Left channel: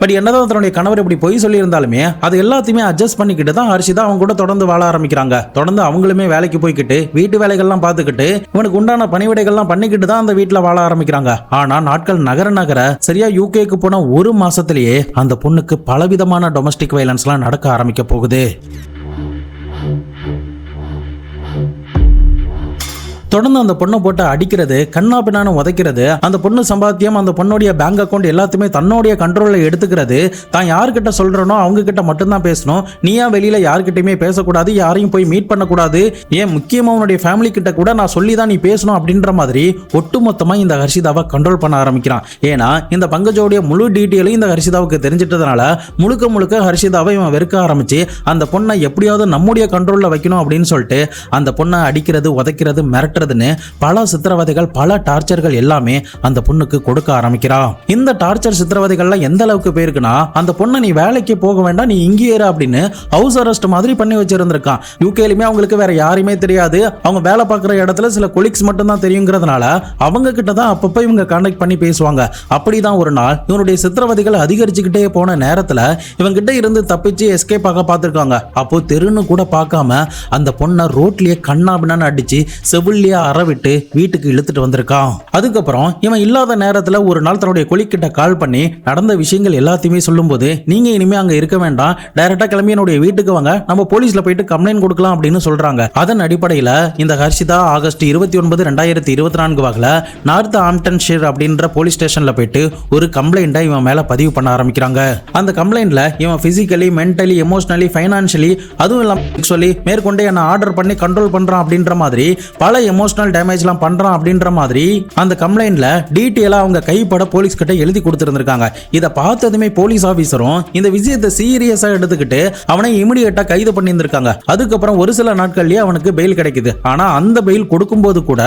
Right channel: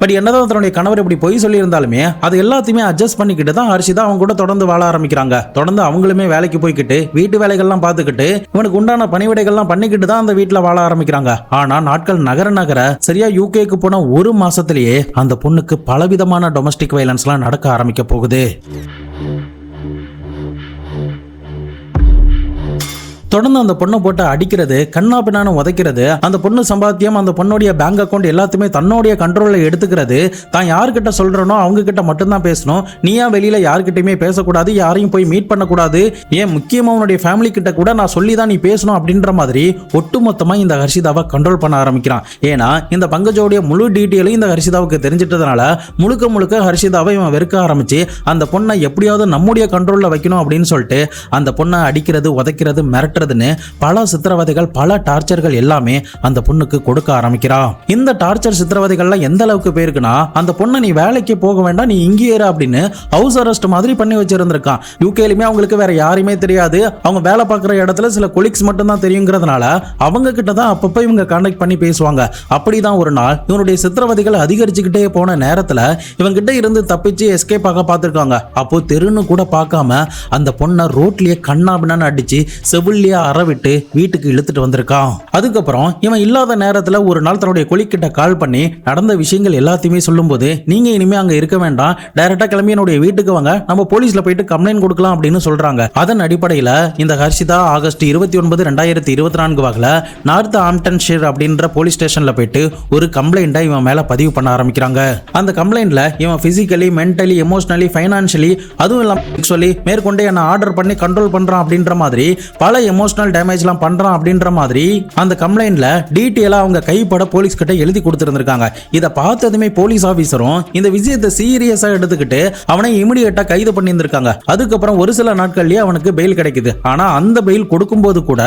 But என்னதான் தன்னுடைய கணவர் இப்படி பொய் சொல்லி இருந்தாலுமே அது எல்லாத்தையுமே அட்ஜஸ்ட் பண்ணிக்கிட்டு தான் ஹர்ஷிதா அவங்க கூட தொடர்ந்து வாழ ஆரம்பிக்கிறாங்க. தொடர்ந்து அவங்களுமே வேலைக்கு போய்கிட்டு வீட்டு வேலைகள்லாம் பார்த்துக்கிட்டு இவனுக்கு உண்டான பணிவிடைகள்லாம் பண்ணிக்கிட்டு தான் அந்த வீட்டுல வாழ ஆரம்பிக்கிறாங்க. ஆனா நாட்கள் நகர சரியா யூகேக்கு போன ஒரு மாசத்திலேயே அந்த பொண்ணுக்கு பலவிதமான டொமஸ்டிக் வயலன்ஸ் எல்லாம் நடக்க ஆரம்பிக்க போகுது. தொடர்ந்து அந்த பொண்ணை போட்டு அடிக்கிறது, கண்ணா பின்னான்னு உதைக்கிறது, அந்த பொண்ணு சம்பாத்தியம், அந்த பொண்ணுடைய பேங்க் அக்கௌண்ட் எல்லாத்தையுமே தன்னுடைய கண்ட்ரோல்ல எடுத்துக்கிறது, தான் யார்கிட்ட சொல்றனோ அவங்க கிட்ட மட்டும்தான் பேசணும், நீயா வெளியில யார்கிட்டயுமே பேசக்கூடாது, யாரையும் போய் மீட் பண்ணக்கூடாது, ஏன் முக்கியமா உன்னுடைய ஃபேமிலி கிட்ட கூட நான் சொல்லிதான் நீ பேசணும் அப்படின்ற மாதிரி ஒட்டுமொத்தமா இந்த ஹர்ஷிதாவை கண்ட்ரோல் பண்ண ஆரம்பிக்கிறான். ஏன்னா இந்த பங்கஜோடைய முழு டீட்டெயிலையும் இந்த ஹர்ஷிதாவுக்கு தெரிஞ்சிட்டதுனால முழுக்க ஹர்ஷிதாவை இவன் வெறுக்க ஆரம்பிச்சு அந்த பொண்ணை எப்படியாவது நம்முடைய கண்ட்ரோல்ல வைக்கணும் அப்படின்னு சொல்லிட்டு அந்த பொண்ணை அடிக்கிறது, உதைக்கிறது, மிரட்டுறதுன்னு பல சித்திரவதைகள், பல டார்ச்சர்கள் எல்லாமே அந்த பொண்ணுக்கு கொடுக்க ஆரம்பிக்கிறா. இந்த டார்ச்சர் சித்திரவதைகள்ல எந்த அளவுக்கு போயிருக்குன்னா அந்த பொண்ணை நீ வேலைக்கு போக வேண்டாம், நீ இங்கே இரு அப்படின்னு ஹவுஸ் அரெஸ்ட் மாதிரி பண்ணி வச்சிருந்திருக்கா. யூகேலுமே அவங்களுக்கு வேற யாருமே தெரியாது, அவங்க வேலை பார்க்குற இடத்துல சில கொலிக்ஸ் மட்டும் தான் தெரியுங்கிறதுனால அவங்க கிட்ட தான் அப்பப்ப இவங்க கான்டாக்ட் பண்ணி பேசுவாங்க. அப்படிதான் ஒரு நாள் இவனுடைய சித்திரவதைகள் அதிகரிச்சுக்கிட்டே போன நேரத்துல இவங்கிட்ட இருந்து தப்பிச்சு எஸ்கேப் ஆக பார்த்துருக்காங்க. அப்போ தெருன்னு கூட பார்க்காம அந்த பொண்ணை ரோட்லயே கண்ணாபின்னு அடிச்சு செவிலிய அறவிட்டு வீட்டுக்கு இழுத்துட்டு வந்திருக்கான். அதுக்கப்புறம் இவன் இல்லாத நேரத்துல ஒரு நாள் தன்னுடைய கொலிக்கிட்ட கால் பண்ணி நடந்த விஷயங்கள் எல்லாத்தையுமே சொல்லும் போது, நீங்க இனிமே அங்க இருக்க வேண்டாம், டைரக்டா கிளம்பி என்னுடைய வீட்டுக்கு வாங்க, நம்ம போலீஸ்ல போயிட்டு கம்ப்ளைண்ட் கொடுக்கலாம் அப்படின்னு சொல்றாங்க. அதன் அடிப்படையில இந்த ஹர்ஷிதா ஆகஸ்ட் 29, 2024 வாக்குல நார்த் ஆம்டன்ஷியர் அப்படின்ற போலீஸ் ஸ்டேஷன்ல போயிட்டு ஒரு கம்ப்ளைண்டா இவன் மேல பதிவு பண்ண ஆரம்பிக்கிறாங்க. அந்த கம்ப்ளைண்ட்ல இவன் பிசிக்கலி, மென்டலி, எமோஷனலி, ஃபைனான்சியலி, அதுவும் இல்லாம சொல்லி மேற்கொண்டு என்ன ஆர்டர் பண்ணி கண்ட்ரோல் பண்றான் அப்படின்ற மாதிரி பல எமோஷனல் டேமேஜ்லாம் பண்றான் அப்படின்ற மாதிரி அந்த கம்ப்ளைண்ட்ல டீடைலா அவங்க கைப்பட போலீஸ் கிட்ட எழுதி கொடுத்திருந்திருக்காங்க. இத பார்த்ததுமே போலீஸ் ஆபீசரும் இந்த விஷயத்தை சீரியஸா எடுத்துக்கிட்டு அவனை இமிடியேட்டா கைது பண்ணி இருந்திருக்காங்க. அதுக்கப்புறம் ஒரு சில நாட்கள்லயே அவனுக்கு பெயில் கிடைக்குது. ஆனா அந்த பெயில் கொடுக்கும்போது கூட